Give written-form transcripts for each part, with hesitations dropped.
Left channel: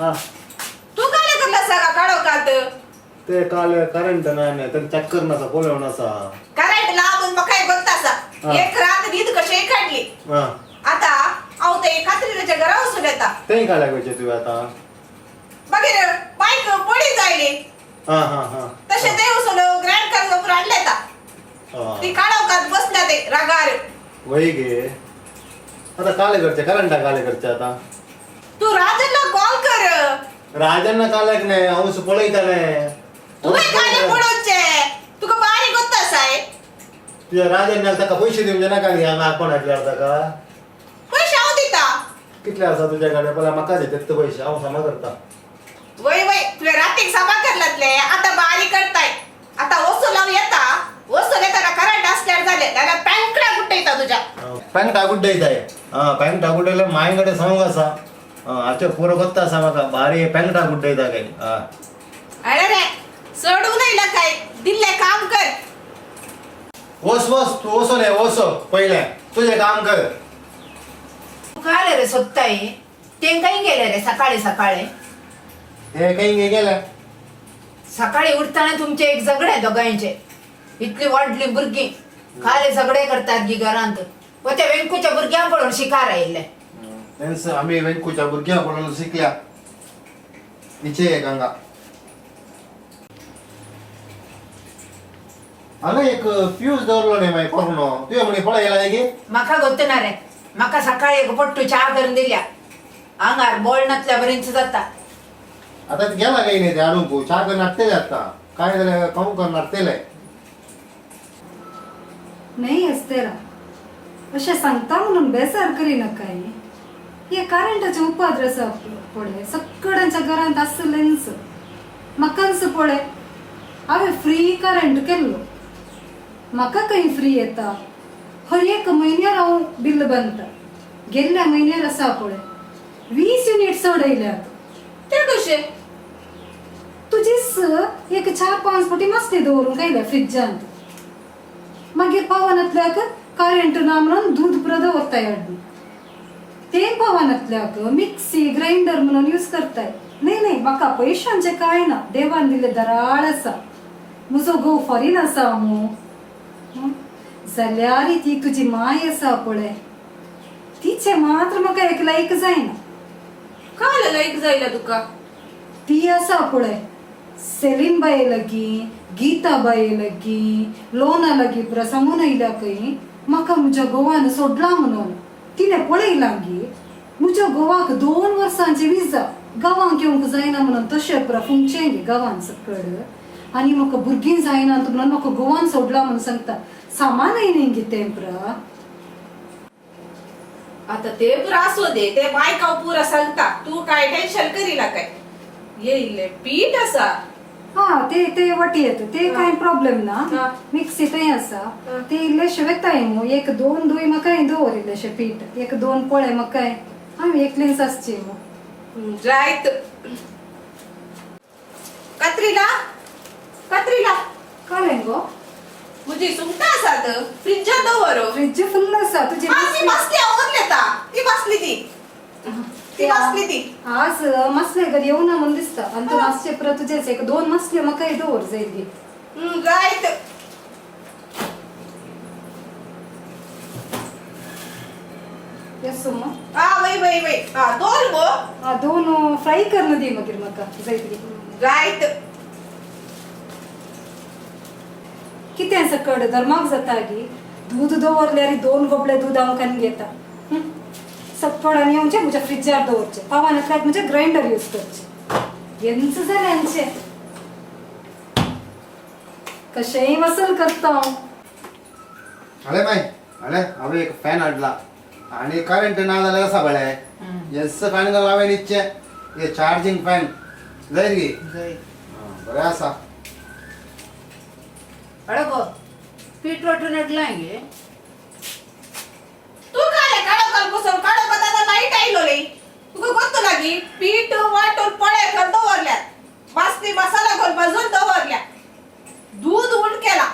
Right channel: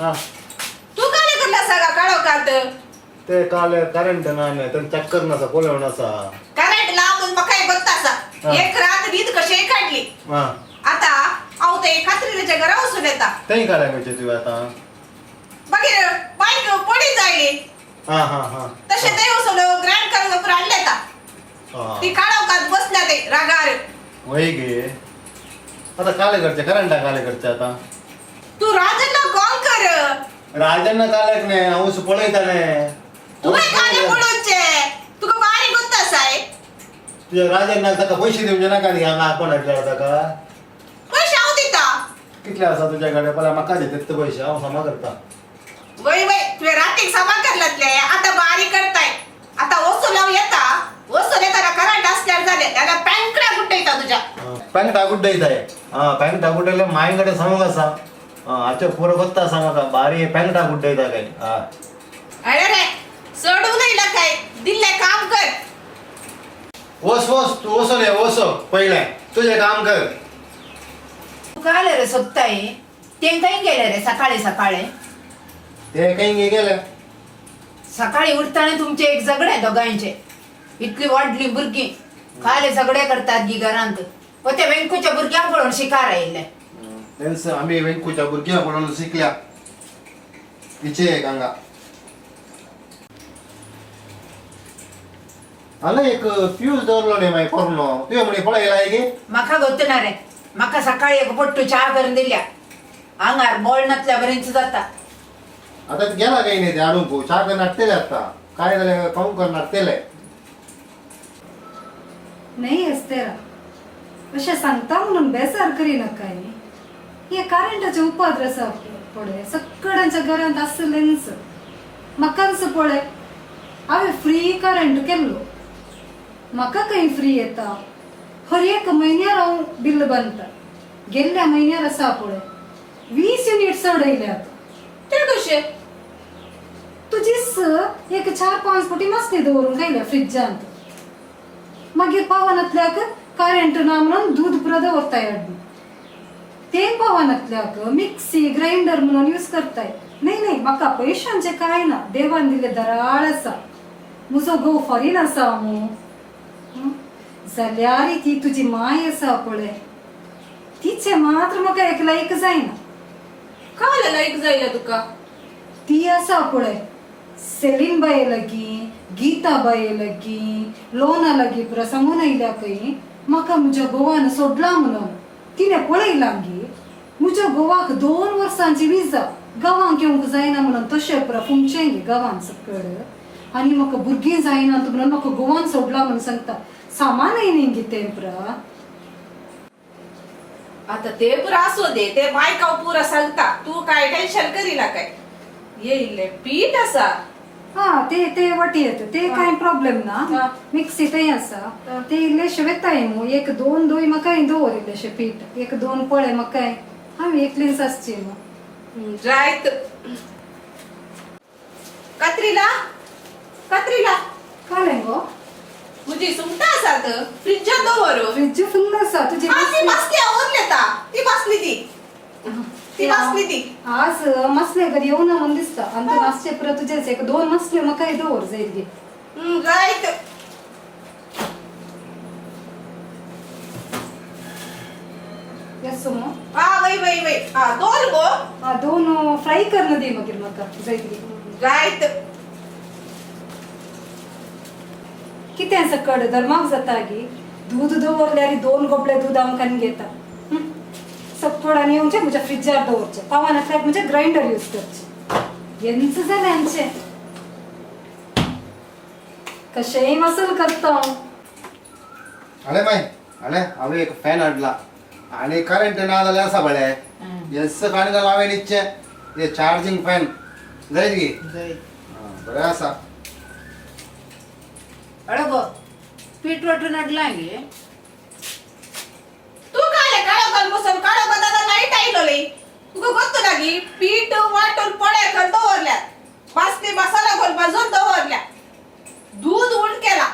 हा तू काय करला सगळा काढव काढ ते काल करंट नाही तर चक्कर नसा कोलव नसा करंट लावून मग काय बघतासा एक रात रीत कशी काढली आता आव ते खात्रीच्या घरावर सुन येता ते काढायचे तू आता बघे बाईक पडी जायले तसे ते उसलो ग्रँड कर आणले आता ती काढव काढ बसल्या ते रागार वही गे आता काले करते करंट काले करते आता तू राजाला कॉल कर राजांना कालक नाही औस पळयता नाही तू काय खाली पडोचे तुका बारी गोत्तास आहे तुझ्या राजांना का पैसे देऊन ना का घ्या ना कोण हटला होता का पैसे आव दिता कितले असा तुझ्याकडे मला मका देतात ते पैसे आव समा करता वय वय तुझ्या रात्री सभा करलातले आता बारी करताय आता ओसो लाव येता ओसो येताना करंट असल्यावर झाले त्याला पॅंकडा गुट्टा येता तुझ्या पॅन्ट टाकून द्यायचा आहे पॅन्ट टाकून द्यायला माईकडे सांगू कसा आता पोरं बघता सांगा का भारी पॅन्ट टाकून द्यायचा काय अरे रे सोडू नाही ला काय दिले काम कर ओस ओस तू ओसो नाही ओसो पहिले तुझे काम कर तू काय आले रे सोत्ताई ते काही गेले रे सकाळी सकाळी ते काही गेलं सकाळी उठताना तुमचे एक झगडे दोघांचे इतली वाढली बुरगी खाले झगडे करतात गी घरांत व त्या वेंकूच्या बुरग्यांकडून शिकार येईल आम्ही वेंकूच्या बुरग्याकडून शिकल्या इचे गंगा अगं एक फ्यूज दरलो नाही माहिती करून तुझ्या मुळे पळायला आहे गे माका गोतणार रे माका सकाळी एक पट्टू चहा करून दिल्या अंगार बोल नसल्यापर्यंत जाता आता गेला काही नाही ते आणून चहा करणार तेल आता काय झालं काहून करणार तेल आहे नाही अस्तेरा अशा सांगता म्हणून बेजार करीना काय मी हे करंटाचे उपद्रस पडे सगळ्यांच्या घरांत असलेंच मकांच पडे हांवें फ्री करंट केल्लो म्हाका काही फ्री येता हर एक म्हयन्यार हांव बिल बांदता गेल्ल्या म्हयन्यार आसा पळय 20 युनिट चडयल्यात ते कशे तुजीच एक 4-5 फावटी मस्ती दवरून खायल्या फ्रिजांत मागीर पावनातल्याक करंट ना म्हणून दूध पुरो दवरताय हाडून ते पावनातल्याक मिक्सी ग्राइंडर म्हणून यूज करताय नाही म्हाका पयशांचे काय ना देवान दिले दराळ आसा म्हजो घोव फॉरीन आसा मू जाल्यार ती तुजी माय आसा पळय तिचे मात्र म्हाका एक लायक जायना काय लायक जायला तुका ती आसा पळय सेलीन बाये लगी गीता बाये लगी लोना लगी पुरा सांगून आयल्या खंय म्हाका म्हज्या घोवान सोडला म्हणून तिने पळयला गी म्हज्या घोवाक 2 वर्सांची विजा गांवांक येवंक जायना म्हणून तशें पुरा फुंकचें गे गांवांत सकड आनी म्हाका भुरगीं जायना म्हणून म्हाका घोवान सोडला म्हणून सांगता सामानय न्ही गे तें पुरा आता ते पुरा असू दे ते बायका पुरा सांगता तू काय टेन्शन करीला काय येईल पीठ असा हा ते वाटी येत ते काय प्रॉब्लेम ना मिक्सी ते आसा ते इल्लेशे वेताय मू 1-2 दोय म्हाका दवर इल्लेशे पीठ 1-2 पळे म्हाका हांवें एकलींच आसची मू जायत कात्रीला कळ्ळें गो मुजी सुंगटा आसात फ्रिजात दवरो फ्रिज फुल्ल आसा तुजी ती बसली आवरलेता ती बसली ती आज मसले घरी येऊ ना म्हणून दिसता आणि तू मासचे परत तुझेच 1-2 मसले म्हाका दवर जाईल गे जायत येसो मग वय दोन गो 2 फ्राय करणं दे मागीर म्हाका जायत गे जायत कितें सकड धर्माक जाता गी दूध दवरल्यार 2 गोपळे दूध हांव कान घेता सकड आनी येवचे म्हज्या फ्रिजार दवरचे पावानातल्याक म्हणजे ग्राइंडर यूज करचे यांच जाल्यांचे कशेय वसूल करता हांव अरे बाय अरे हांवें एक फॅन हाडला आणि करंट ना जाल्यार आसा बळे येस फॅन घाल हांवें इच्छे हे चार्जिंग फॅन जायत गे बरें आसा अरे गो पीठ वाटून हाडला गे तू काय काढो बसून काढो दादा माहित आयलो रे तुका गोत्तो लागी पीठ वाटून पळे कर दवरल्या बासनी मसाला घाल भाजून दवरल्या दूध उंड केला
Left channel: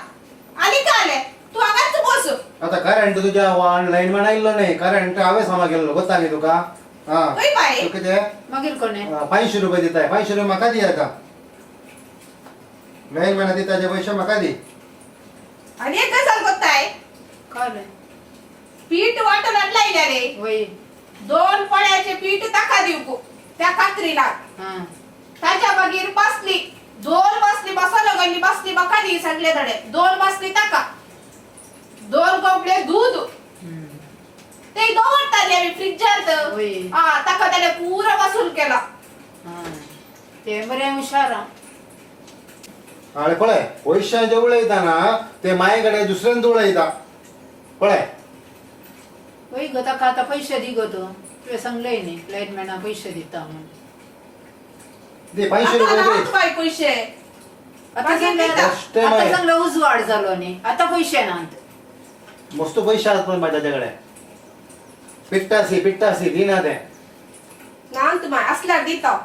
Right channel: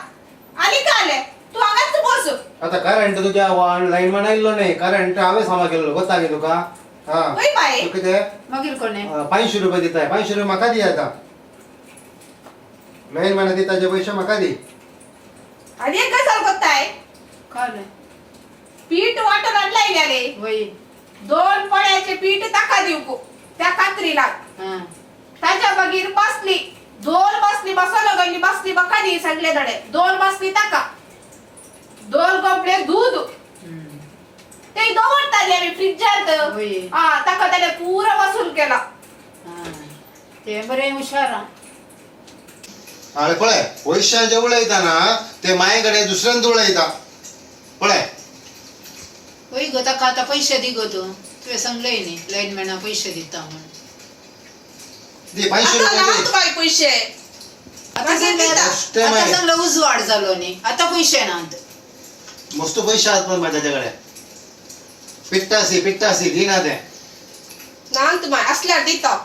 आणि काय तू आगाच बस आता करंट तुझ्या लाईन म्हणायलो नाही करंट हांवें सामा केल्लो गोता गे तुका हा होय बाई. तू किती आहे? मागीर कोणे 500 रुपये दिताय. 500 रुपये म्हाका दी आता. लय महिना दिताचे पैसे म्हाका दी. आणि एक गजाल कोत्ताय काय रे पीठ वाटून आणलाय ना रे. वय 2 पळ्याचे पीठ टाका देऊ त्या कात्रीला. हा त्याच्या बगीर बसली 2 बसली मसाला गंडी बसली बका दी सगळे धडे 2 बसली टाका 2 कपडे दूध हम्म. ते दवडता द्यावी फ्रिजात. होय. हा टाका त्याने पुरा वसूल केला. हा. ते बरे हुशार हा. अरे पळय पैशाचे उडयता ना ते मायेकडे दुसऱ्यांत उडयता. पळय होय ग ताका आता पैसे दी गो तू तुवें सांगलंय न्ही लायनमॅना पैसे दिता म्हणून दे 500 रुपये आता दे. लावतो बाई पैसे. आता बाकी सांगलं दिता. ते आता माय. सांगलं उजवाड झालो न्ही आता पैसे नात मस्त पैसे आहेत पण माझ्याकडे. पिट्टासी घे ना ते. नांत बाई असल्यार दिता.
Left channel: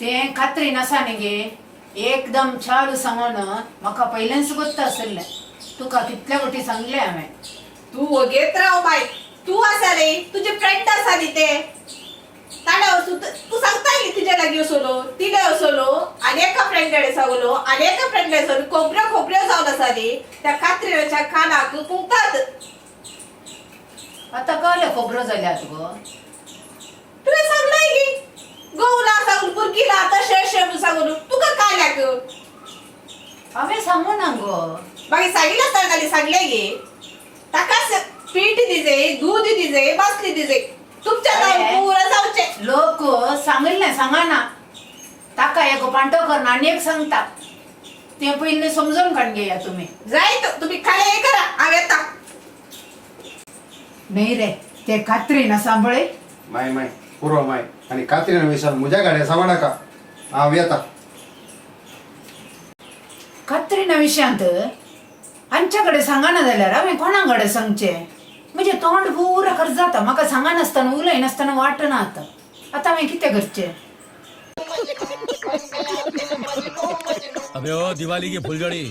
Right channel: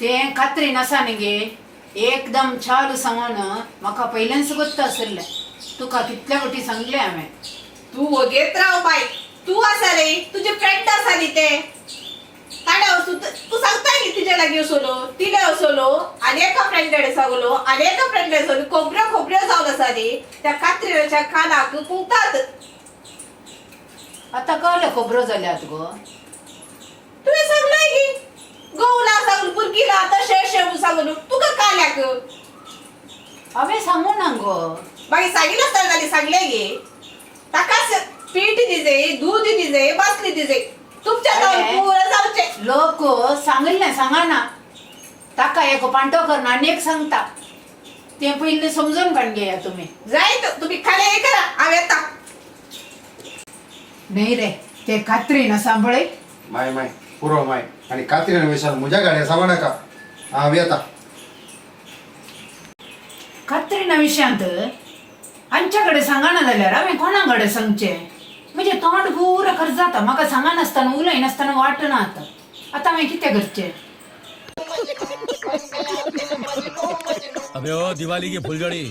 ते खात्री नसा न्ही गे एकदम चालू सांगून म्हाका पहिल्यांच गोत्त आसलें तुका कितल्या गोटी सांगले हांवें तू घेत राव बाई. तू असा रे तुझे फ्रेंड असा रे ते ताडा तू सांगताय की तुझ्या लागी असलो तिला असलो आणि एका फ्रेंडकडे सांगलो आणि एका फ्रेंडकडे सांगलो खोबऱ्या जाऊन असा रे त्या कात्रीच्या खानाक कुंकतात. आता कळलं खोबरं जाल्यात गो तुला सांगलंय की गौला सांगून पुरकीला तशे सांगून तुका काय लाग हांवें सांगू ना गो बाई सांगितलं तर सांगले गे ताकाच पीठ दिजे दूध दिजे बसली दिजे तुमच्या अरे. पुरं जाऊचे. लोक सांगले सांगाना ताका एक पांटो करना आणि एक सांगता ते पहिले समजून काढ घ्या तुम्ही जाय तुम्ही खाले हे करा आम्ही येता. नाही रे ते खात्री ना सांभाळे माय पूर्व माय आणि कात्रीने विसर मुझ्या गाड्या सवा नका. हा येता. खात्री ना विषयांत आमच्याकडे सांगाना जाल्यार हांवें कोणाकडे सांगचे म्हणजे तोंड पुरं खर्च जाता म्हाका सांगा नासतना उलय नासतना वाटना आता हांवें कितें करचें अबे ओ दिवाली की फुलझड़ी